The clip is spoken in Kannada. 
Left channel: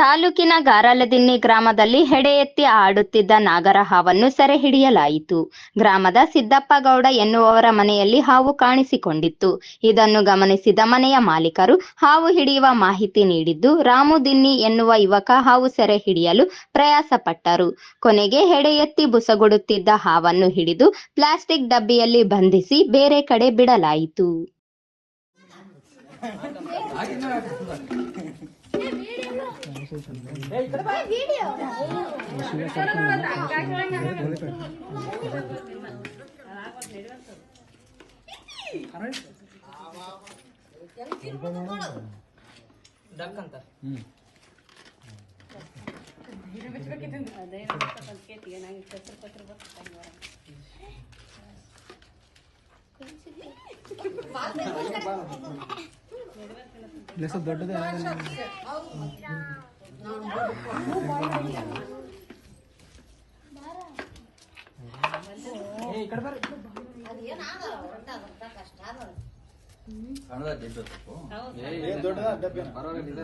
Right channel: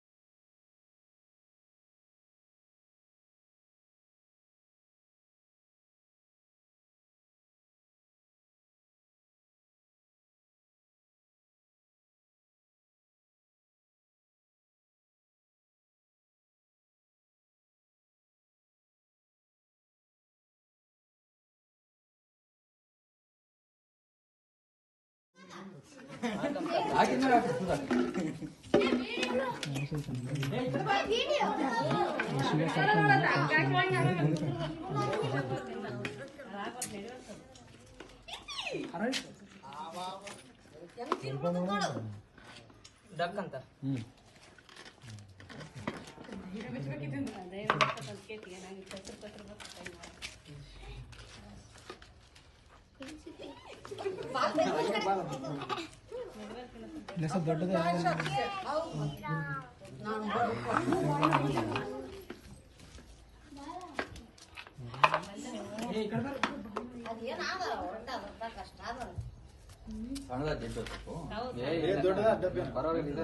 ತಾಲೂಕಿನ ಗಾರಲದಿನ್ನಿ ಗ್ರಾಮದಲ್ಲಿ ಹೆಡೆ ಎತ್ತಿ ಆಡುತ್ತಿದ್ದ ನಾಗರ ಹಾವನ್ನು ಸೆರೆ ಹಿಡಿಯಲಾಯಿತು. ಗ್ರಾಮದ ಸಿದ್ದಪ್ಪಗೌಡ ಎನ್ನುವವರ ಮನೆಯಲ್ಲಿ ಹಾವು ಕಾಣಿಸಿಕೊಂಡಿತ್ತು. ಇದನ್ನು ಗಮನಿಸಿದ ಮನೆಯ ಮಾಲೀಕರು ಹಾವು ಹಿಡಿಯುವ ಮಾಹಿತಿ ನೀಡಿದ್ದು, ರಾಮು ದಿನ್ನಿ ಎನ್ನುವ ಯುವಕ ಹಾವು ಸೆರೆ ಹಿಡಿಯಲು ಪ್ರಯಾಸ ಪಟ್ಟರು. ಕೊನೆಗೆ ಹೆಡೆ ಎತ್ತಿ ಬುಸಗುಡುತ್ತಿದ್ದ ಹಾವನ್ನು ಹಿಡಿದು ಪ್ಲಾಸ್ಟಿಕ್ ಡಬ್ಬಿಯಲ್ಲಿ ಬಂಧಿಸಿ ಬೇರೆ ಕಡೆ ಬಿಡಲಾಯಿತು. सब दೊಡ್ಡದೇ ಪರವಾಗಿಲ್ಲ.